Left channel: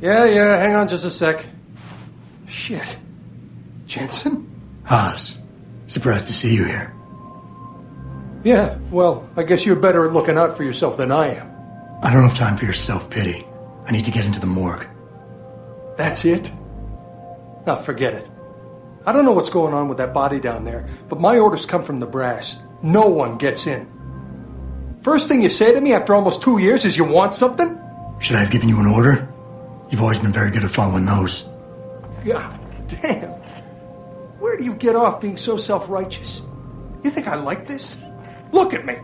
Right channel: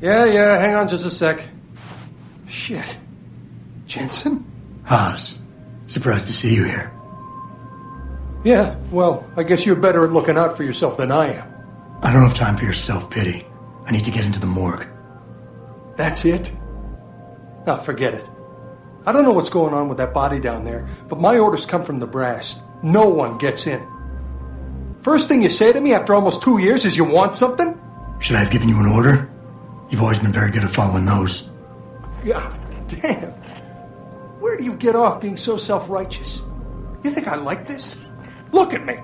Yeah, hang on just a sec. Shit. Jensen? Haas, surprised to see you here. Yeah, well, I guess you're better at looking out for yourself than I am. I don't have time for your self-pity. I need to get into the morgue. That's it? Oh, forget it. I don't know what's going on with that body down there, but my orders come from the brass. No one gets in. First thing you say to me after almost 2 years is you want something? Should I have given you an order? You've always been very good at following those. God damn. Where do you get off being so self-righteous? You think I like this? Look at me.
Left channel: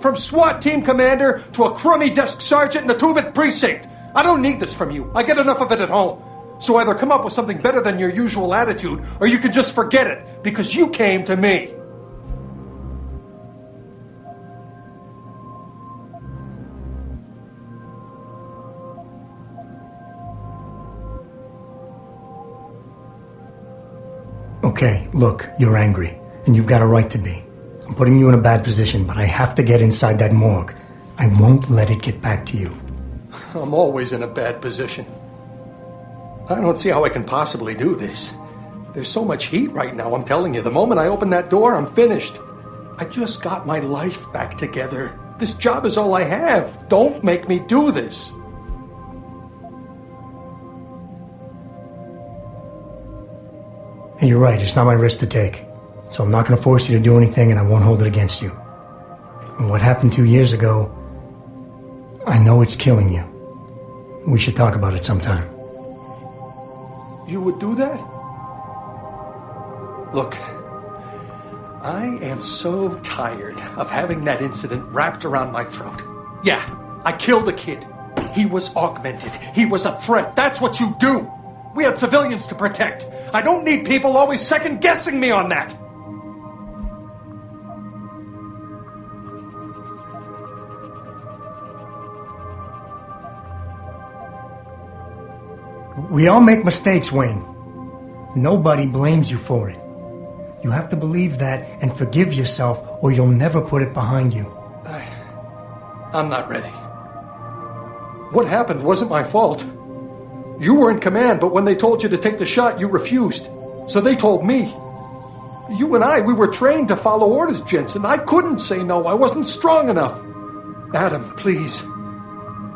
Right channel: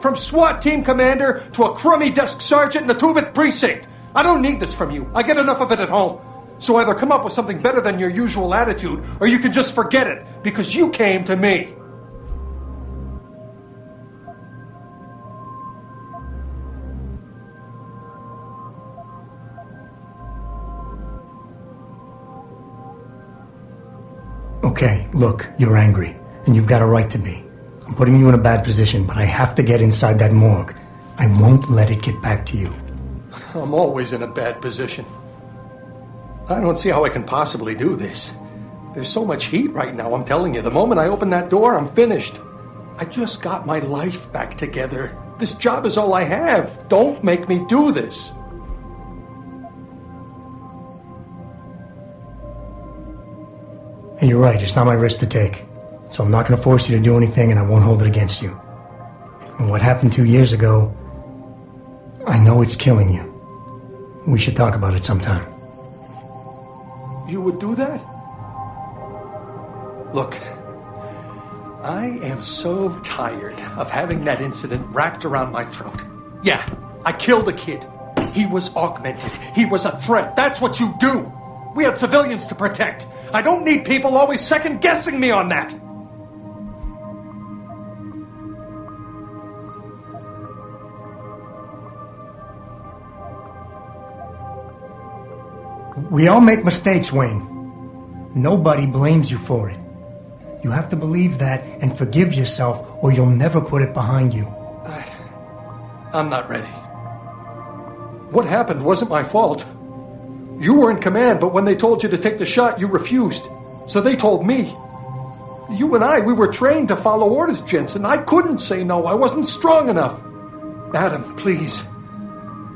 From SWAT team commander to a crummy desk sergeant in the 2-bit precinct. I don't need this from you. I get enough of it at home. So either come up with something better than your usual attitude, or you can just forget it, because you came to me. Okay, look, you're angry, and you've got a right to be. I'm putting you in a bad position, but I have to get inside that morgue. I won't let it get back to you. I'm always in a bad position. I don't see how I can possibly do this. There's so much heat right now, I'm telling you. The moment I open that door, I'm finished. I just got my life back together. This job is all I have. Don't make me do this. And you're right, it's not my risk to take. So I'm not going to force you to do anything, and I won't hold it against you. And what happened 2 years ago, I know it's killing you. We should talk about it sometime. You would do that? Look, I am so tired of having that incident wrapped around my throat. Yeah, I killed a kid. He was augmented. He was a threat. That's what you do. We had civilians to protect. I don't need people always second-guessing me on that. We all make mistakes, Wayne. Nobody blames you for it. You have to believe that and forgive yourself, or you'll never put it behind you. I'm not ready. What happened wasn't my fault. You were in command, but when they told you to take the shot, you refused. So they told me. You and we were trained to follow orders, Jensen. I couldn't say no. I wasn't strong enough. Adam, please.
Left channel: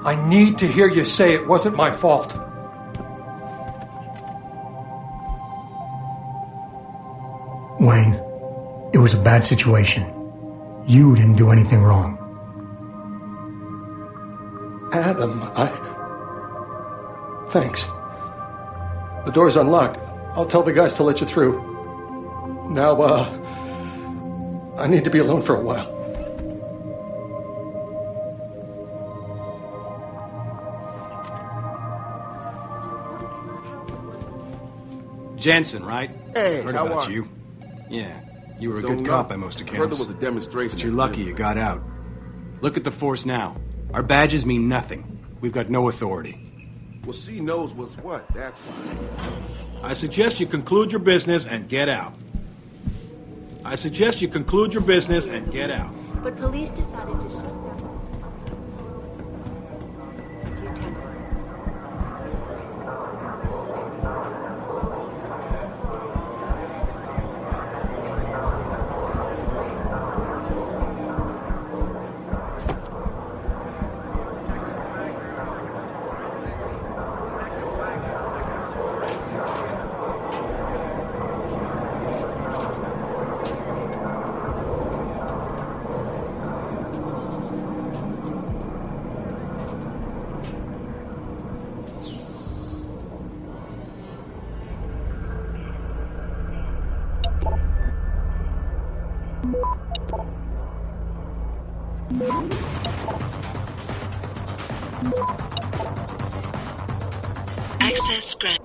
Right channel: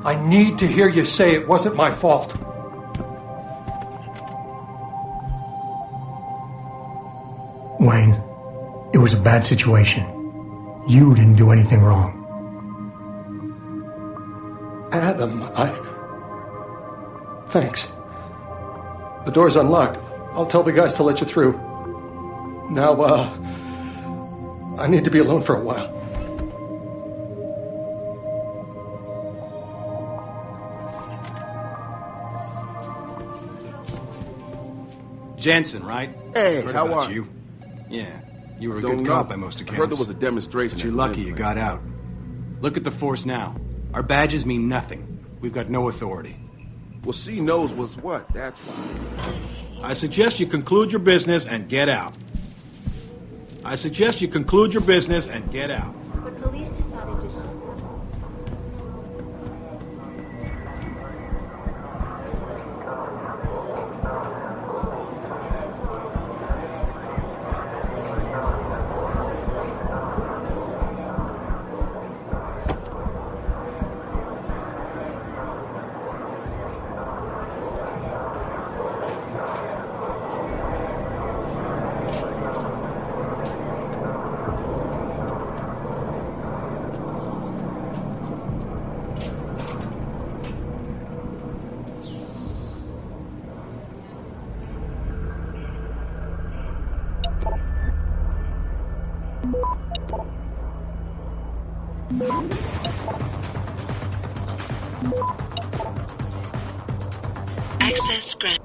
I need to hear you say it wasn't my fault. Wayne, it was a bad situation. You didn't do anything wrong. Adam, Thanks. The door's unlocked. I'll tell the guys to let you through. Now, I need to be alone for a while. Jensen, right? Heard about you. Yeah, you were a good cop by most accounts. But you're lucky you got out. Look at the force now. Our badges mean nothing. We've got no authority. Well, she knows what's what. I suggest you conclude your business and get out. I suggest you conclude your business and get out. But police Access granted.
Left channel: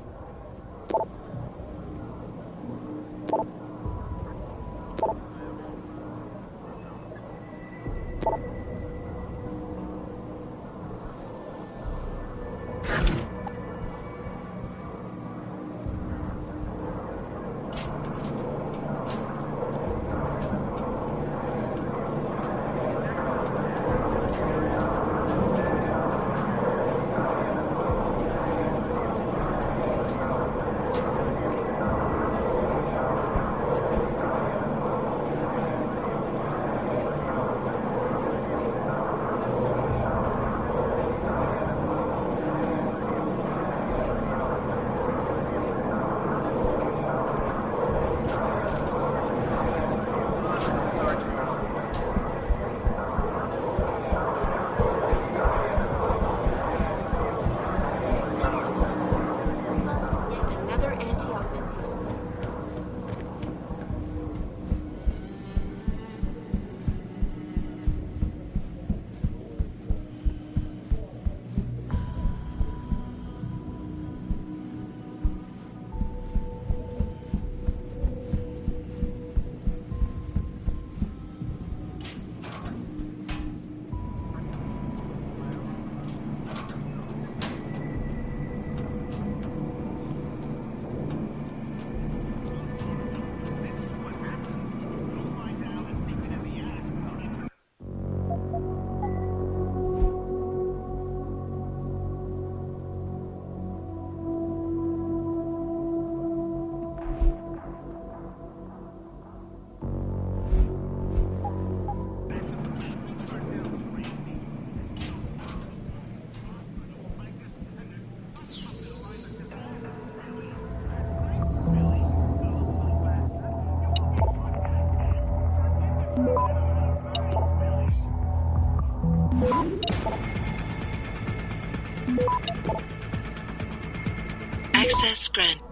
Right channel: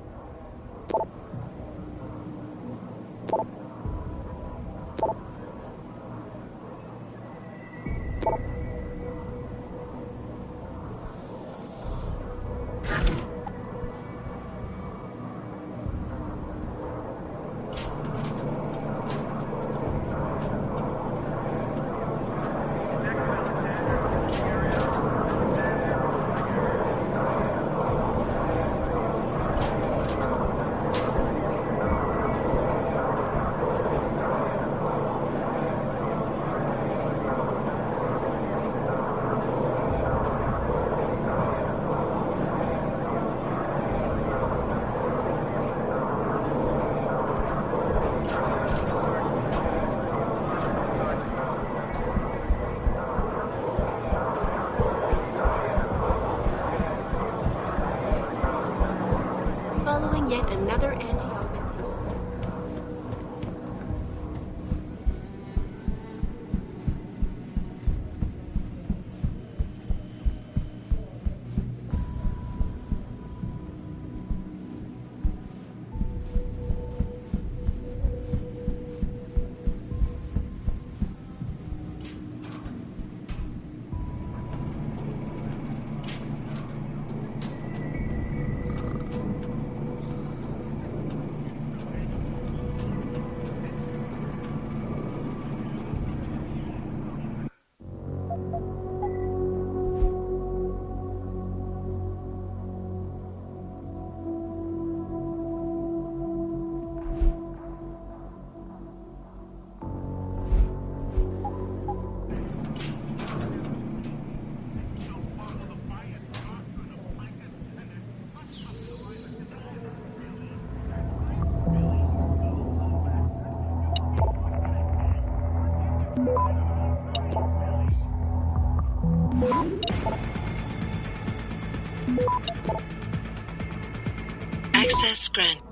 Access granted.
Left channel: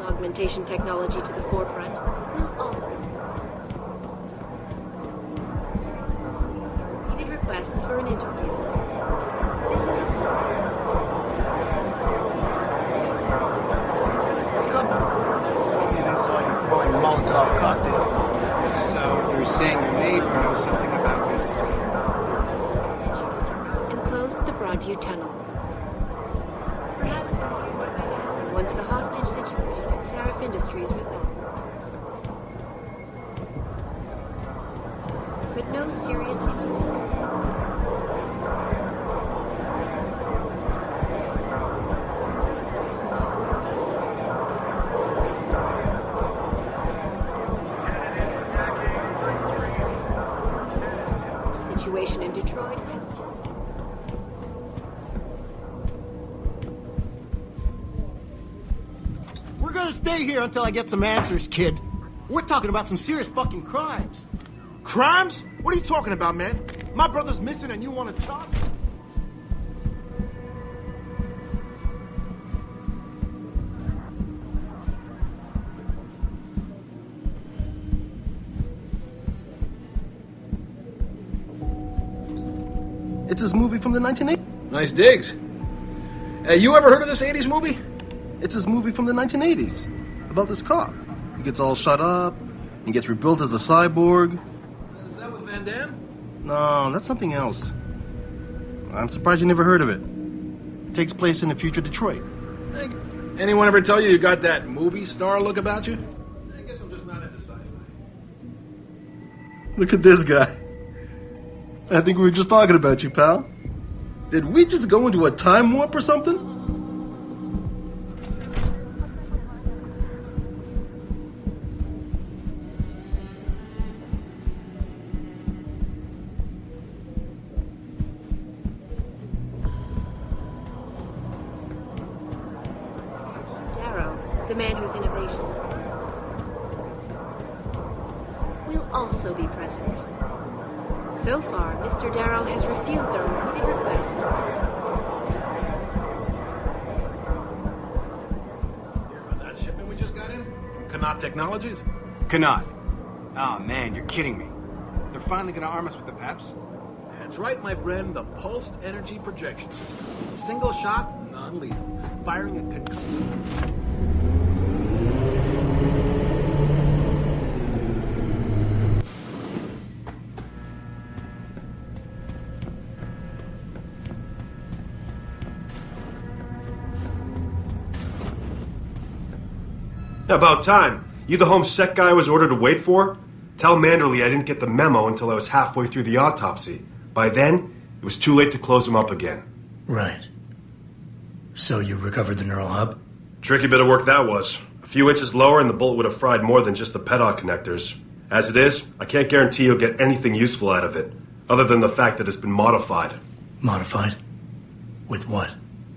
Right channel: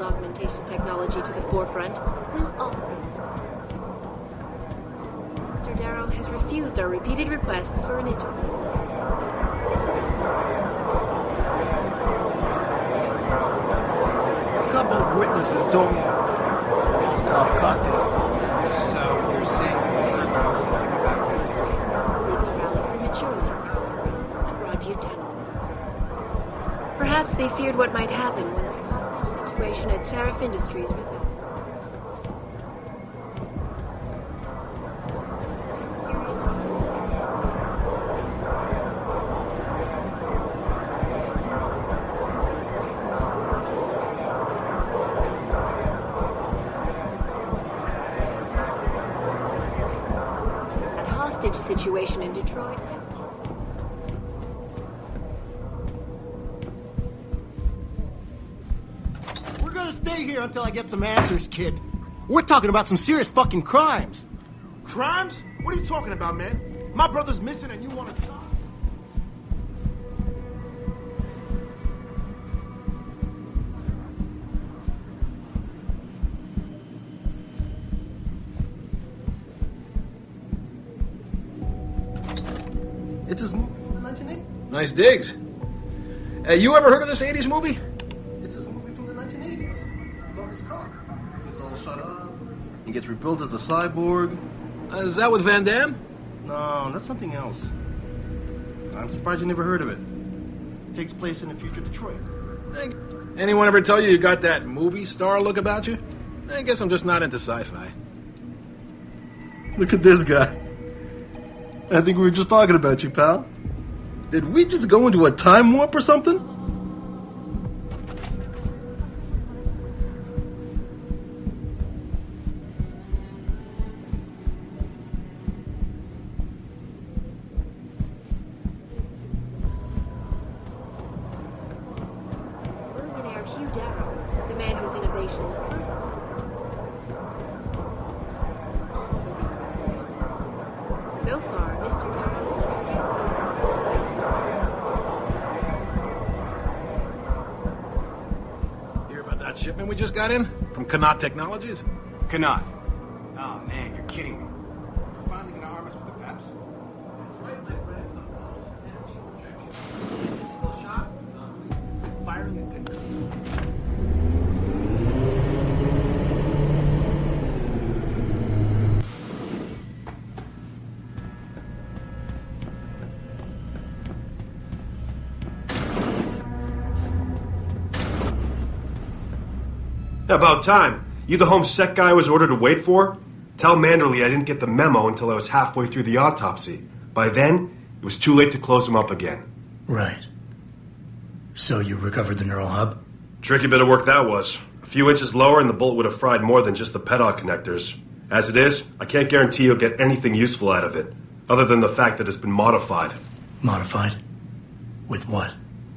Augmentation technology to the forefront. Mr. Darrow has refused our repeated requests. A couple of witnesses told me they saw you throwing Molotov. So you're saying you made house? And closed the Broadview tunnel. Perhaps they feared what might happen once the hostage situation at Sarah Industries was ended. But no serious. That hostage situation. We're gonna stay here until I get some answers, kid. We're talking about some serious fucking crimes. Crimes? What are you talking about, man? My brother's missing and you want to talk? It's his movie from the 1980s. Nice digs. You ever heard of this 80s movie? It's his movie from the 1980s about this cop. He gets all shut up and gets rebuilt as a cyborg. Is that with Van Damme? No, that's something else. I'm surprised you never heard of it. It takes place in the future Detroit. Hey, anyone ever tell you got that movie star look about you? I guess I'm just not into sci-fi. Look at this guy. I think we were just talking about you, pal. Did we just go into a time warp or something? Billionaire Hugh Darrow, the man of simulations, will also be present. So far, Mr. Darrow has refused our request. Hear about that shipment we just got in? From Connaught Technologies? Connaught. Oh, man, you're kidding me. They're finally gonna arm us with the PEPs? That's right, my friend, the pulsed energy projection. Single shot, non-lethal. Firing a concussion. About time. You the home sec guy I was ordered to wait for? Tell Manderley I didn't get the memo until I was halfway through the autopsy. By then, it was too late to close him up again. Right. So you recovered the neural hub? Tricky bit of work that was. A few inches lower and the bullet would have fried more than just the pedal connectors. As it is, I can't guarantee you'll get anything useful out of it, other than the fact that it's been modified. Modified? With what?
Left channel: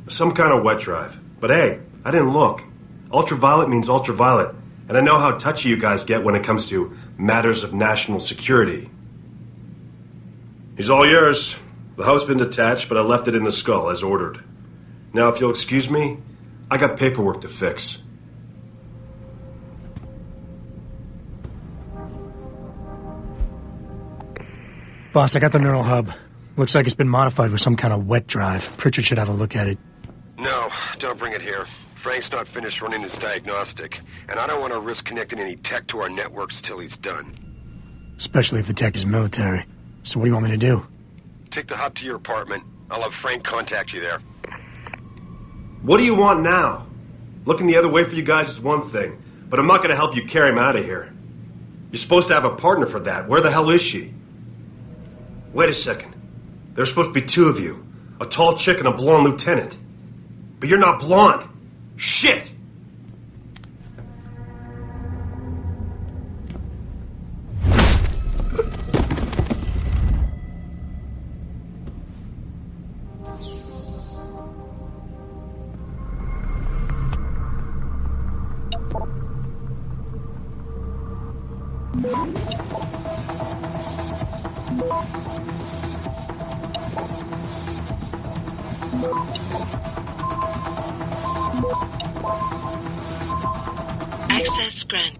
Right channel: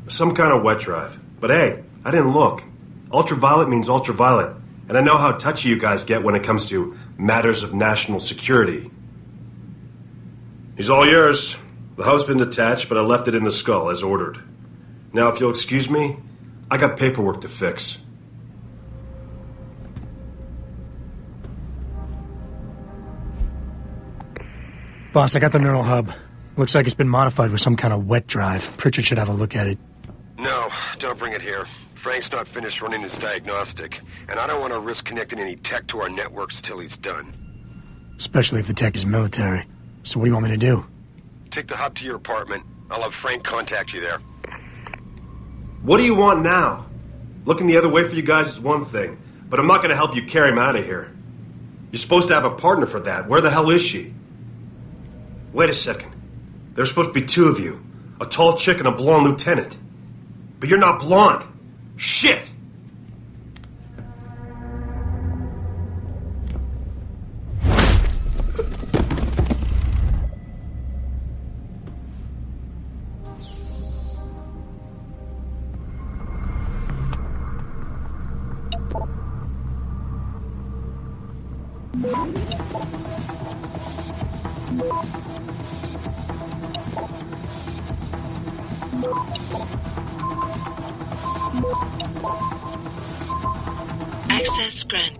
Some kind of wet drive. But hey, I didn't look. Ultraviolet means ultraviolet, and I know how touchy you guys get when it comes to matters of national security. He's all yours. The hub's been detached, but I left it in the skull as ordered. Now, if you'll excuse me, I got paperwork to fix. Boss, I got the neural hub. Looks like it's been modified with some kind of wet drive. Pritchard should have a look at it. No, don't bring it here. Frank's not finished running his diagnostic, and I don't want to risk connecting any tech to our networks till he's done. Especially if the tech is military. So what do you want me to do? Take the hub to your apartment. I'll have Frank contact you there. What do you want now? Looking the other way for you guys is one thing, but I'm not going to help you carry him out of here. You're supposed to have a partner for that. Where the hell is she? Wait a second. There's supposed to be two of you. A tall chick and a blonde lieutenant. But you're not blonde. Shit! Access granted.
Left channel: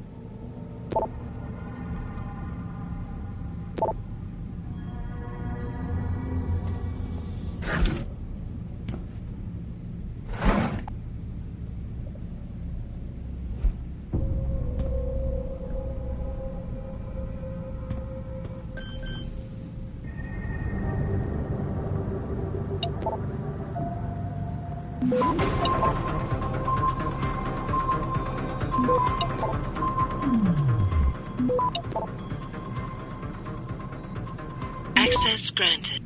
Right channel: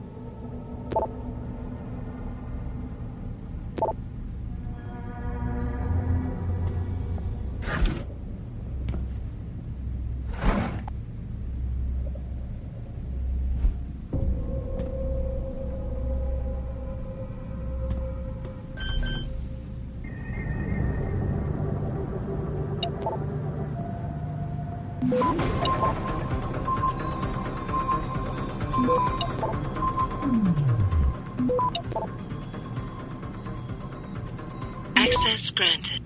Access granted.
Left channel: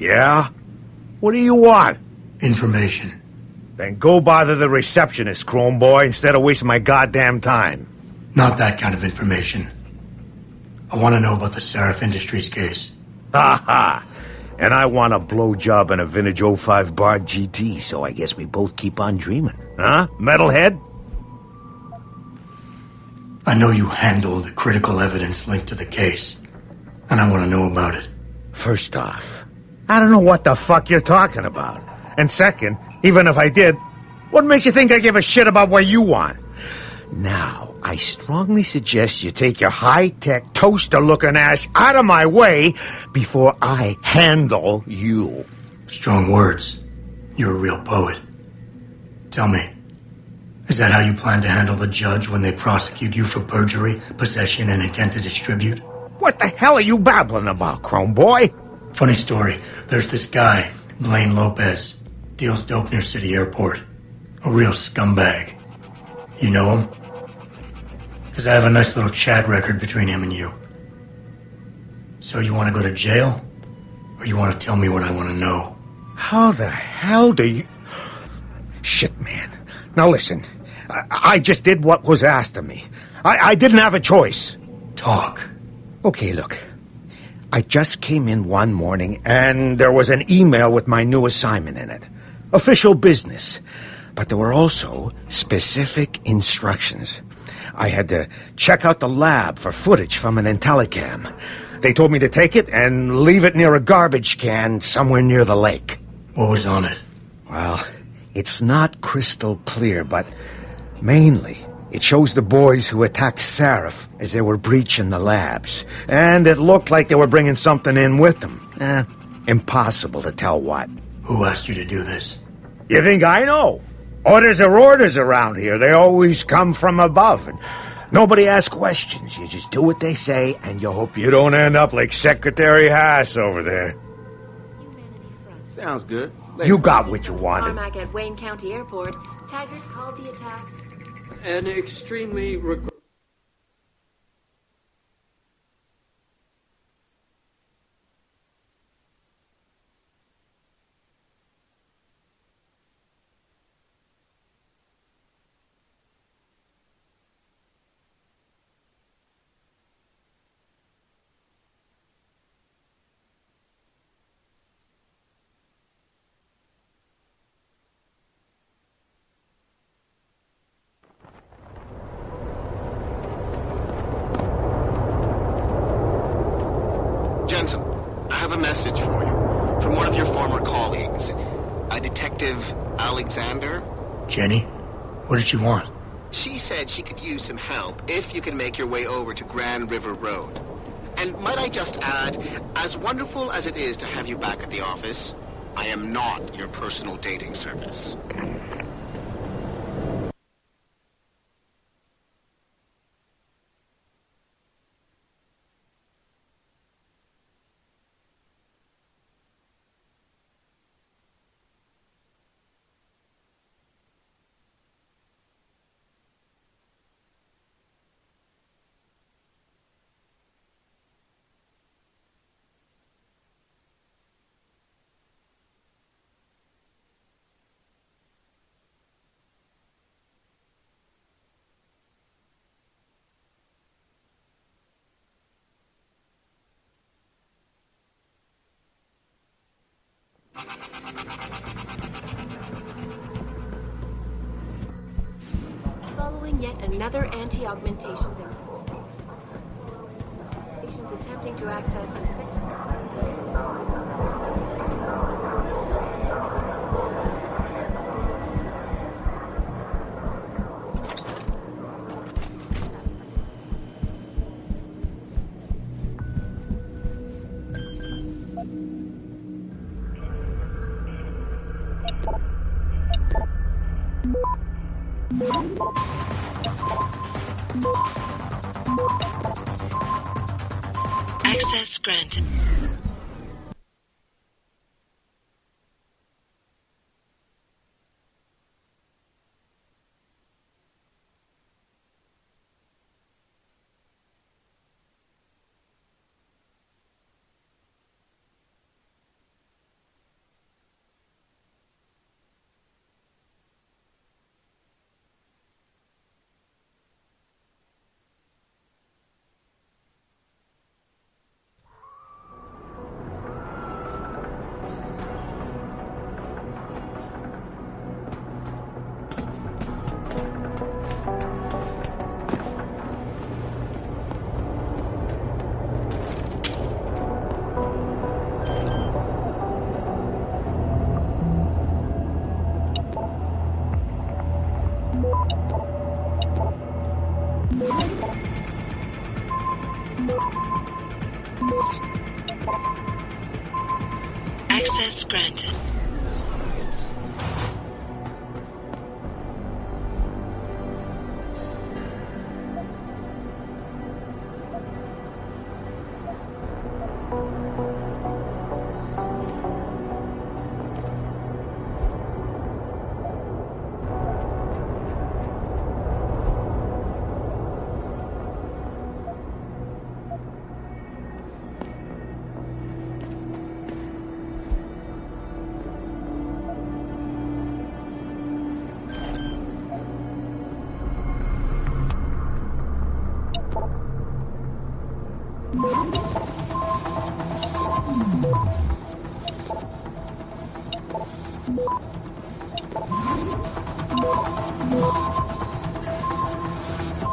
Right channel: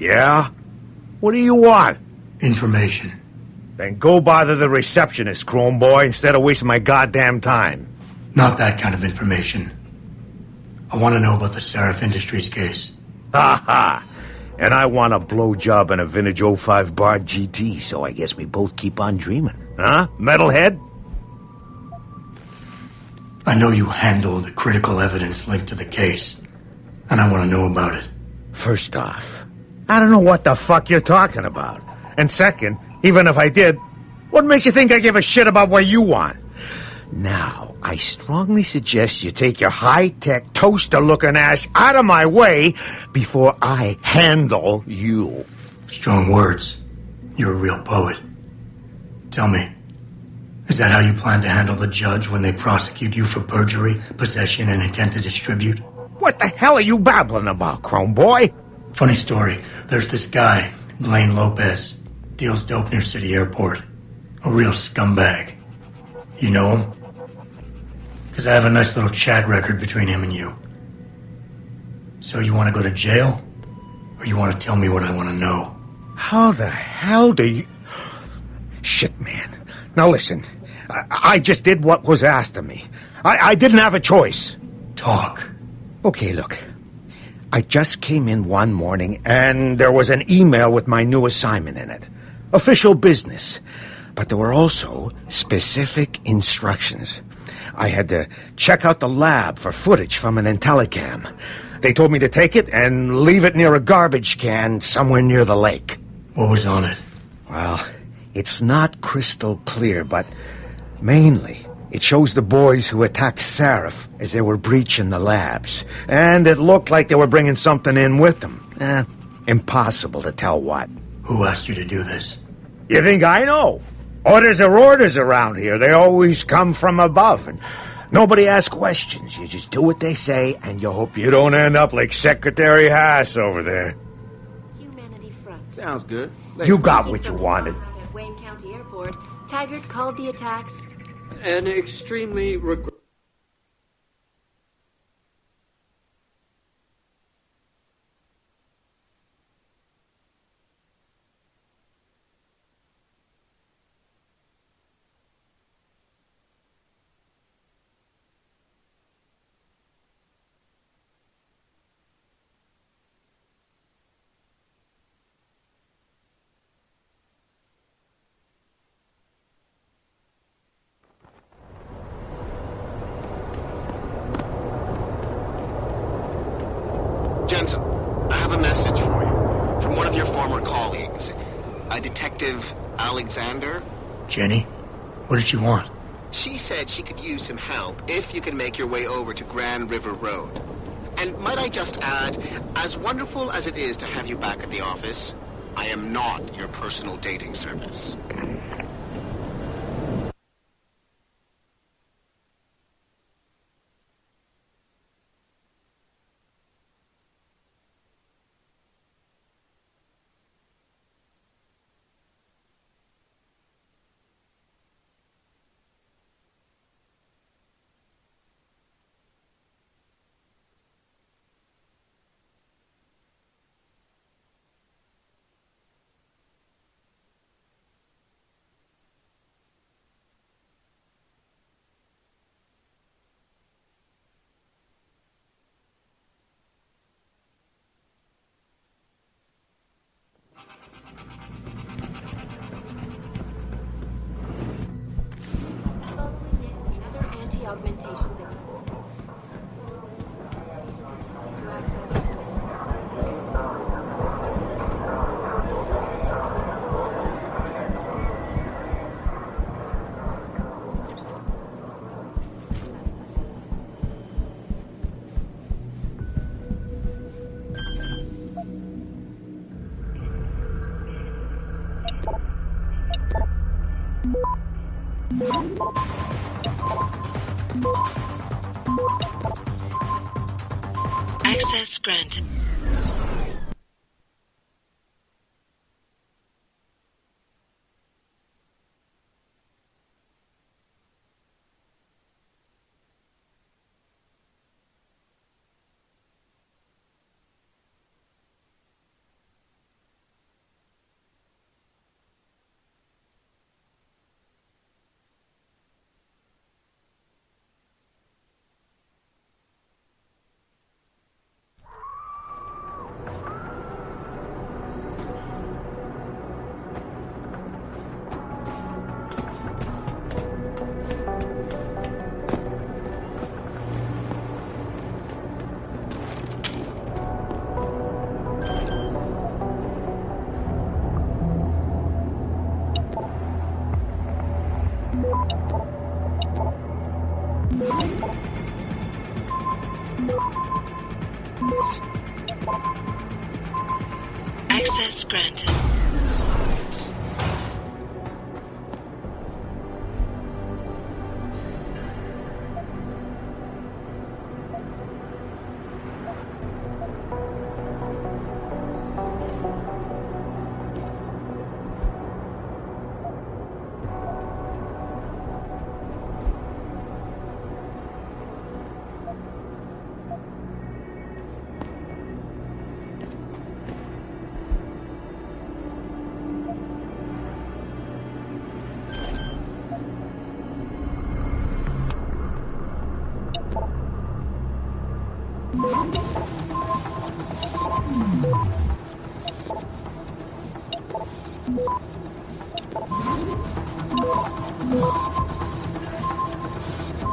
Yeah? What do you want? Information. Then go bother the receptionist, Chrome Boy, instead of wasting my goddamn time. Not that kind of information. I want to know about the Seraph Industries case. Ha ha! And I want a blowjob and a vintage 05 Bard GT, so I guess we both keep on dreaming. Huh, metalhead? I know you handled critical evidence linked to the case, and I want to know about it. First off, I don't know what the fuck you're talking about. And second, even if I did, what makes you think I give a shit about what you want? Now, I strongly suggest you take your high-tech, toaster-looking ass out of my way before I handle you. Strong words. You're a real poet. Tell me, is that how you plan to handle the judge when they prosecute you for perjury, possession, and intent to distribute? What the hell are you babbling about, Chrome Boy? Funny story. There's this guy, Blaine Lopez, deals dope near City Airport. A real scumbag. You know him? Because I have a nice little chat record between him and you. So you want to go to jail? Or you want to tell me what I want to know? How the hell do you... Shit, man. Now listen, I just did what was asked of me. I didn't have a choice. Talk. Okay, look. I just came in one morning, and there was an email with my new assignment in it. Official business. But there were also specific instructions. I had to check out the lab for footage from an IntelliCam. They told me to take it and leave it near a garbage can somewhere near the lake. What was on it? Well, it's not crystal clear, but mainly it shows the boys who attacked Seraph as they were breaching the labs. And it looked like they were bringing something in with them. Impossible to tell what. Who asked you to do this? You think I know? Orders are orders around here. They always come from above. And Nobody asks questions. You just do what they say, and you hope you don't end up like Secretary Haas over there. Humanity Front. You got what you wanted. Tarmac at Wayne County Airport. Taggart called the attacks An extremely... Jensen, I have a message for you from one of your former colleagues, a Detective Alexander. Jenny, what did she want? She said she could use some help if you can make your way over to Grand River Road. And might I just add, as wonderful as it is to have you back at the office, I am not your personal dating service. following yet another anti-occupation. Patients attempting to access. Access granted. Access granted.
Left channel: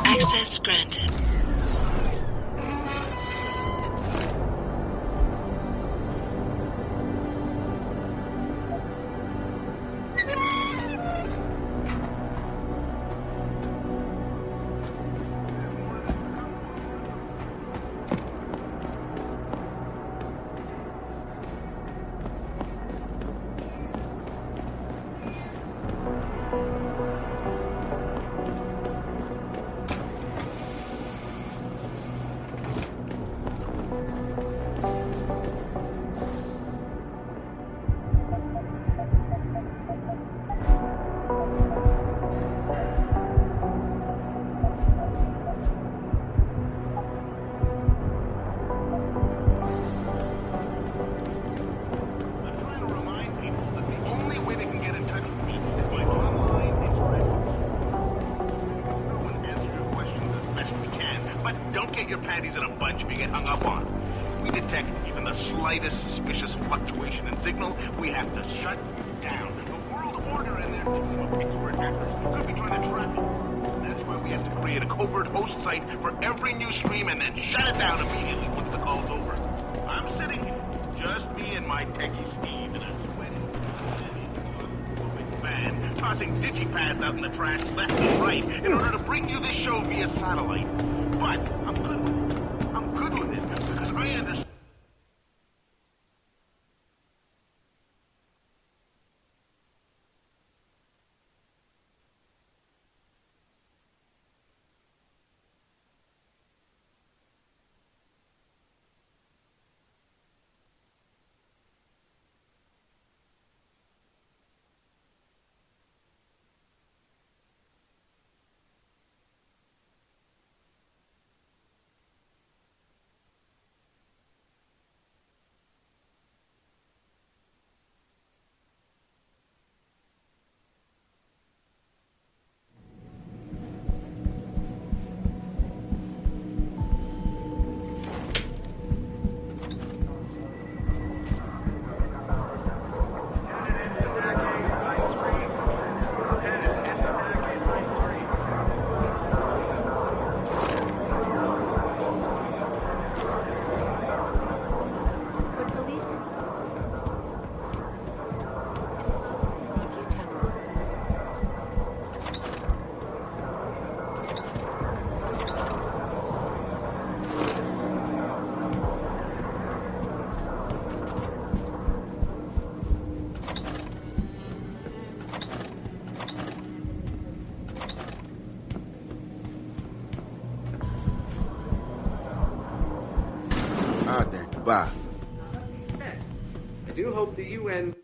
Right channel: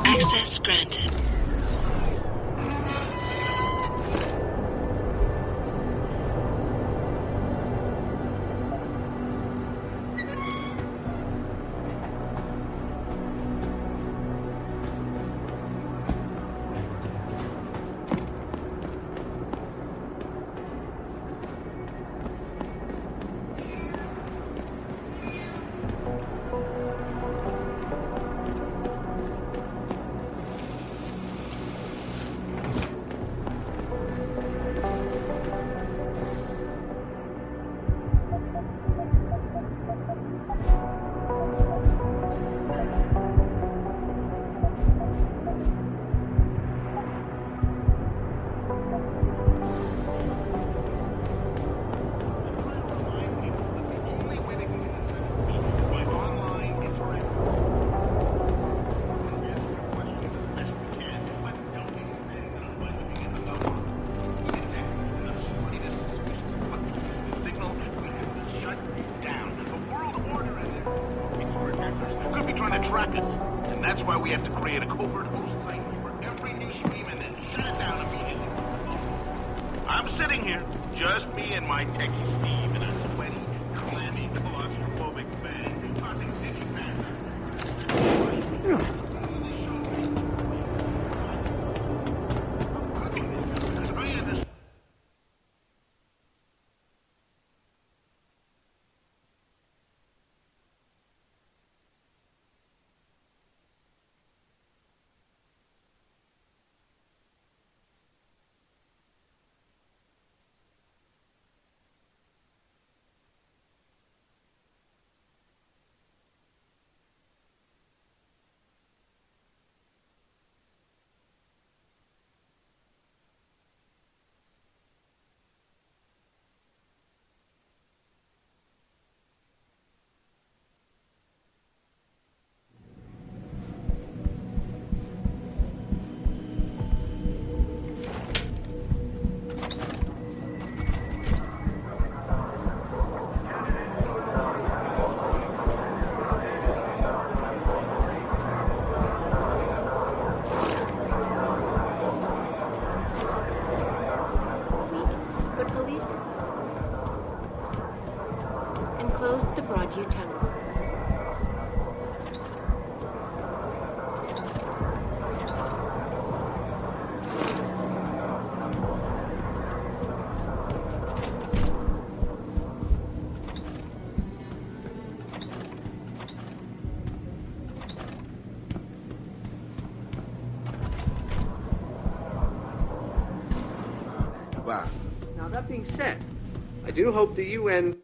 Access granted. slightest suspicious fluctuation in signal, we have to shut it. Attackers could be trying to track it. And that's why we have to create a covert host site for every new stream and then shut it down immediately once the call's over. I'm sitting here, just me and my claustrophobic van, tossing digipads out in the trash left and right in order to bring you this show via satellite. But I'm good with it. Now, that being said, I do hope the UN...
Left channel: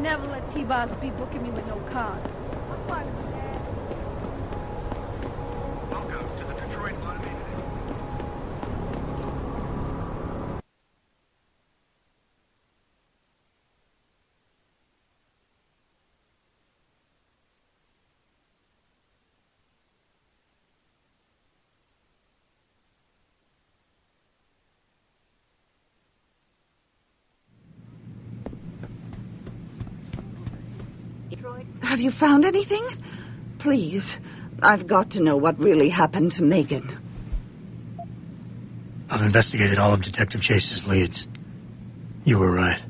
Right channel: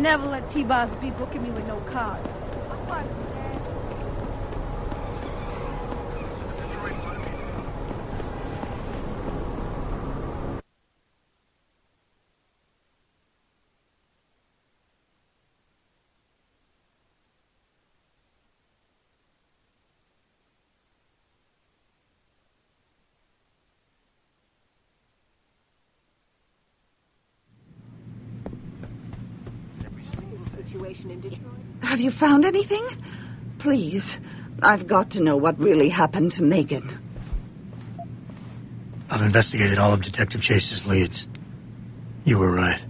Never let T-Boz be. Have you found anything? Please, I've got to know what really happened to Megan. I've investigated all of Detective Chase's leads. You were right.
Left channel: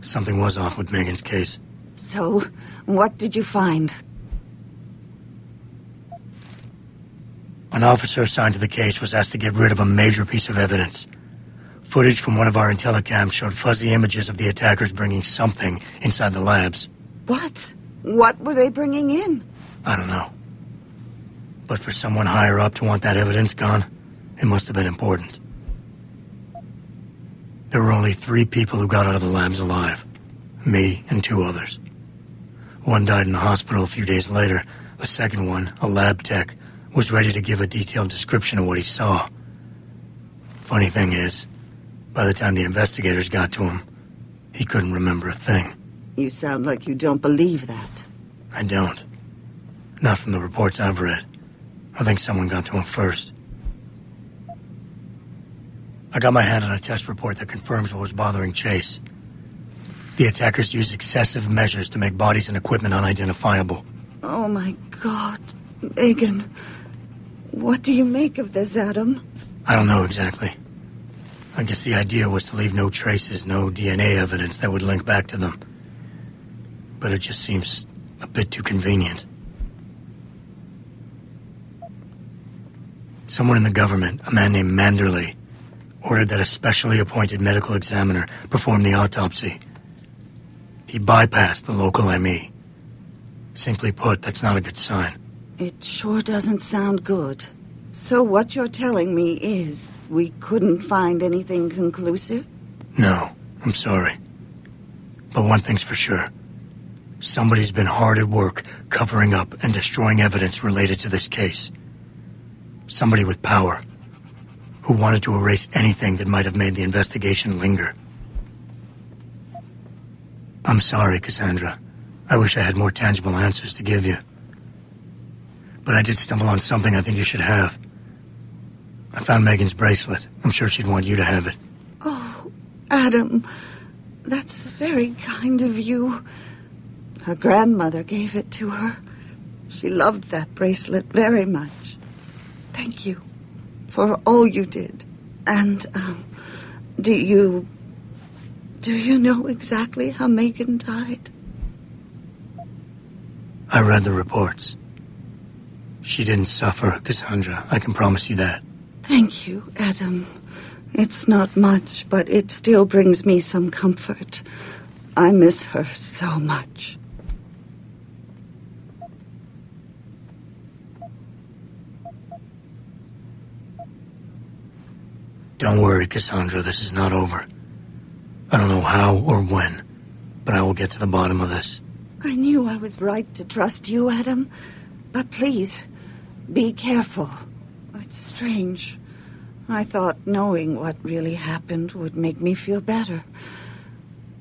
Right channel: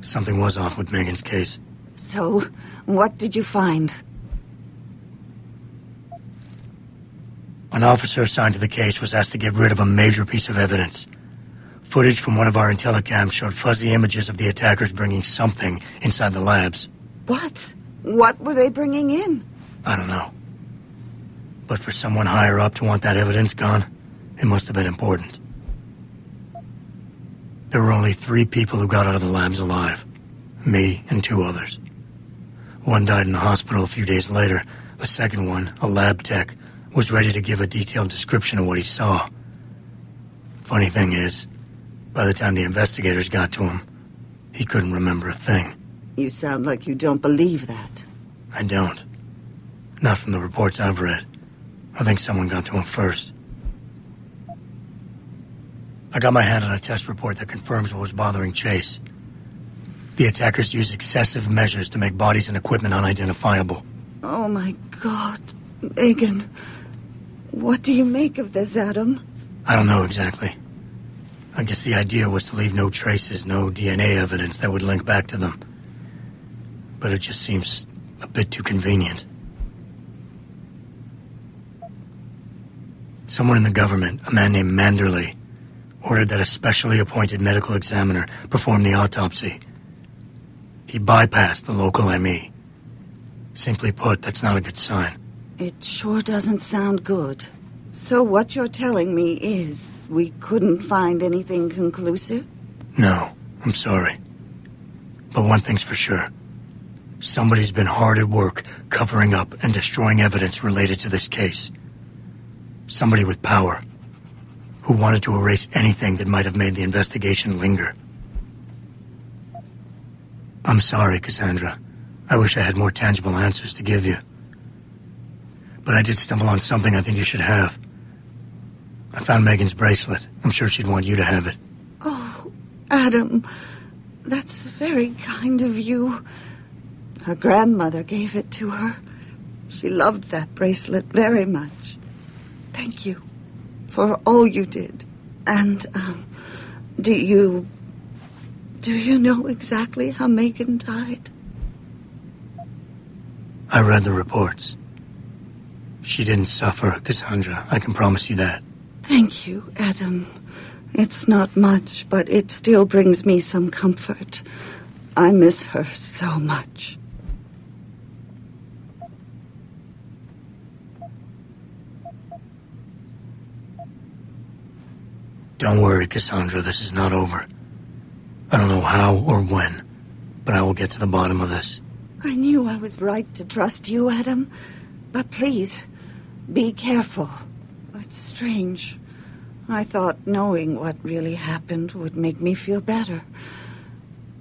Something was off with Megan's case. So, what did you find? An officer assigned to the case was asked to get rid of a major piece of evidence. Footage from one of our intellicams showed fuzzy images of the attackers bringing something inside the labs. What? What were they bringing in? I don't know. But for someone higher up to want that evidence gone, it must have been important. There were only 3 people who got out of the labs alive. Me and 2 others. One died in the hospital a few days later. The second one, a lab tech, was ready to give a detailed description of what he saw. Funny thing is, by the time the investigators got to him, he couldn't remember a thing. You sound like you don't believe that. I don't. Not from the reports I've read. I think someone got to him first. I got my hand on a test report that confirms what was bothering Chase. The attackers used excessive measures to make bodies and equipment unidentifiable. Oh, my God. Megan, what do you make of this, Adam? I don't know exactly. I guess the idea was to leave no traces, no DNA evidence that would link back to them. But it just seems a bit too convenient. Someone in the government, a man named Manderley, ordered that a specially appointed medical examiner perform the autopsy. He bypassed the local ME. Simply put, that's not a good sign. It sure doesn't sound good. So what you're telling me is we couldn't find anything conclusive? No, I'm sorry. But one thing's for sure. Somebody's been hard at work covering up and destroying evidence related to this case. Somebody with power, who wanted to erase anything that might have made the investigation linger. I'm sorry, Cassandra. I wish I had more tangible answers to give you. But I did stumble on something I think you should have. I found Megan's bracelet. I'm sure she'd want you to have it. Oh, Adam, that's very kind of you. Her grandmother gave it to her. She loved that bracelet very much. Thank you for all you did. And, do you know exactly how Megan died? I read the reports. She didn't suffer, Cassandra. I can promise you that. Thank you, Adam. It's not much, but it still brings me some comfort. I miss her so much. Don't worry, Cassandra. This is not over. I don't know how or when, but I will get to the bottom of this. I knew I was right to trust you, Adam. But please, be careful. It's strange. I thought knowing what really happened would make me feel better.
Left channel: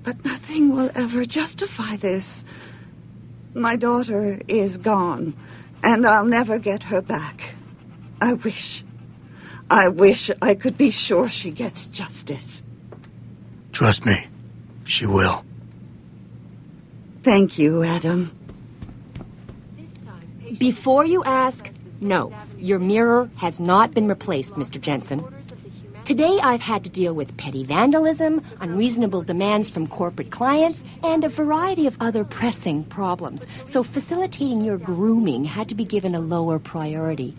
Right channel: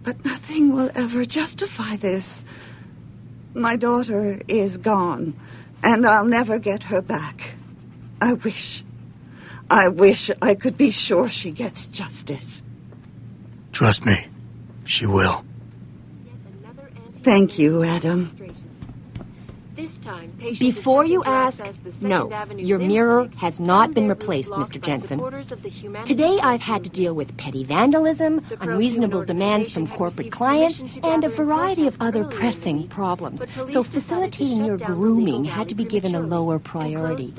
But nothing will ever justify this. My daughter is gone, and I'll never get her back. I wish I could be sure she gets justice. Trust me, she will. Thank you, Adam. Before you ask, no, your mirror has not been replaced, Mr. Jensen. Today I've had to deal with petty vandalism, unreasonable demands from corporate clients, and a variety of other pressing problems. So facilitating your grooming had to be given a lower priority.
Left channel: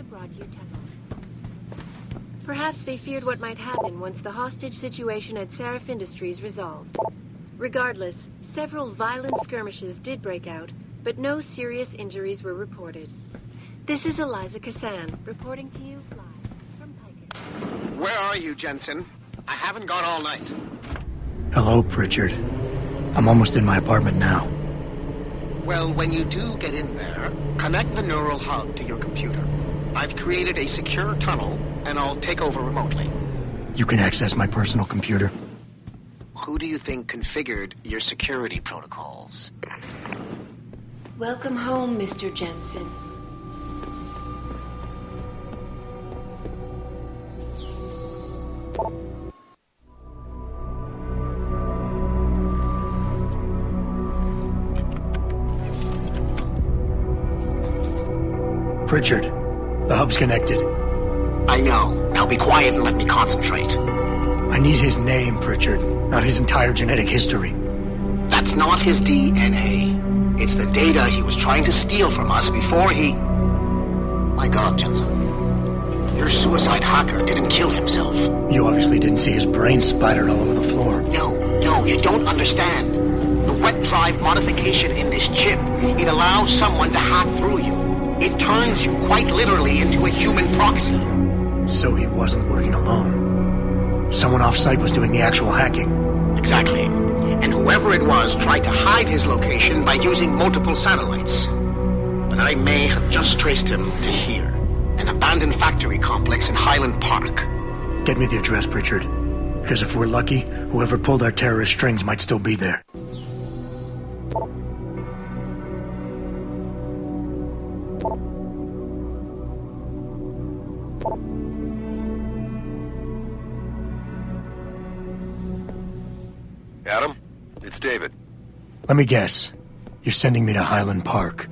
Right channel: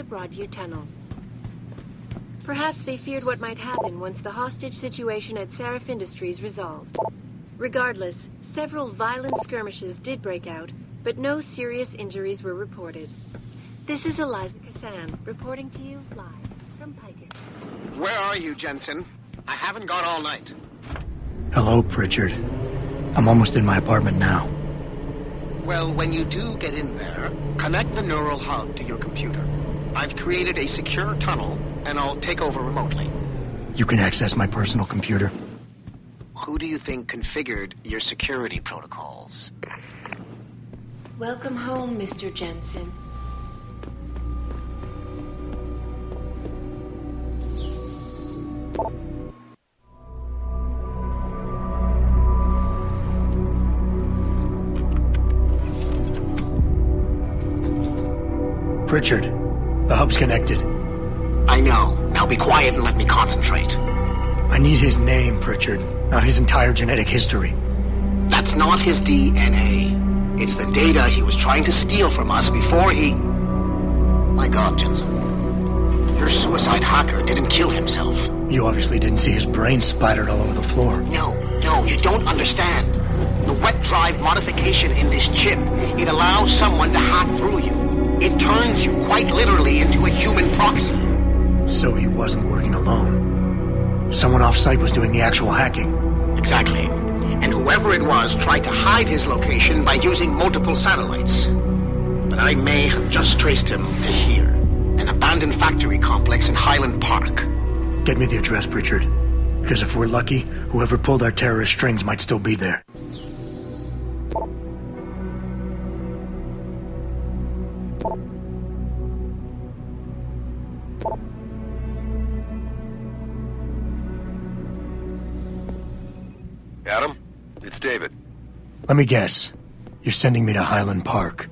Where are you, Jensen? I haven't gone all night. Hello, Pritchard. I'm almost in my apartment now. Well, when you do get in there, connect the neural hub to your computer. I've created a secure tunnel, and I'll take over remotely. You can access my personal computer. Who do you think configured your security protocols? Welcome home, Mr. Jensen. Pritchard, the hub's connected. I know. Now be quiet and let me concentrate. I need his name, Pritchard, not his entire genetic history. That's not his DNA. It's the data he was trying to steal from us before he... My God, Jensen. Your suicide hacker didn't kill himself. You obviously didn't see his brain splattered all over the floor. No, you don't understand. The wet drive modification in this chip, it allows someone to hack through you. It turns you quite literally into a human proxy. So he wasn't working alone. Someone off-site was doing the actual hacking. Exactly. And whoever it was tried to hide his location by using multiple satellites. But I may have just traced him to here, an abandoned factory complex in Highland Park. Get me the address, Pritchard. Because if we're lucky, whoever pulled our terrorist strings might still be there. Adam, it's David. Let me guess. You're sending me to Highland Park.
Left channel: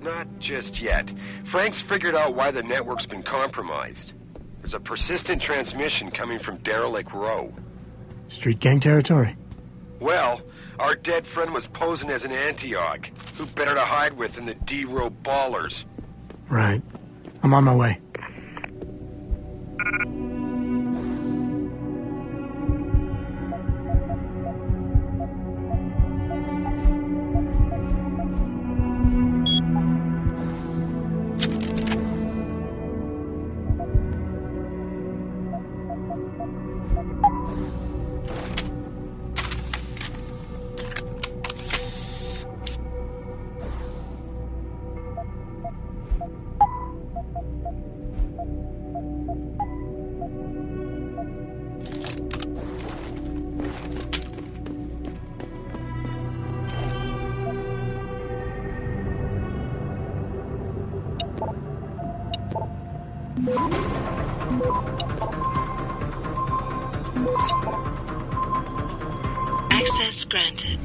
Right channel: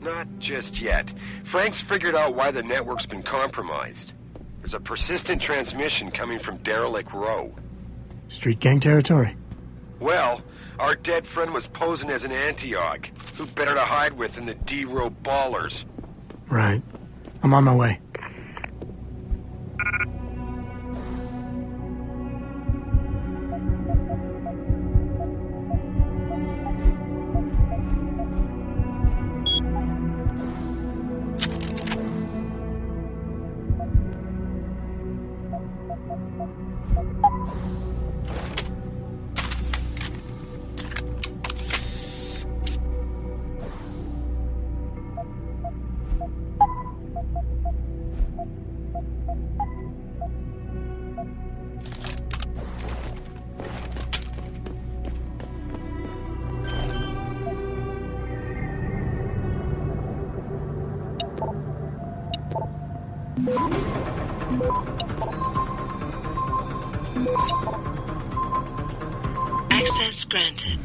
Not just yet. Frank's figured out why the network's been compromised. There's a persistent transmission coming from Derelict Row. Street gang territory? Well, our dead friend was posing as an Antioch. Who better to hide with than the D-Row ballers? Right. I'm on my way. Access granted.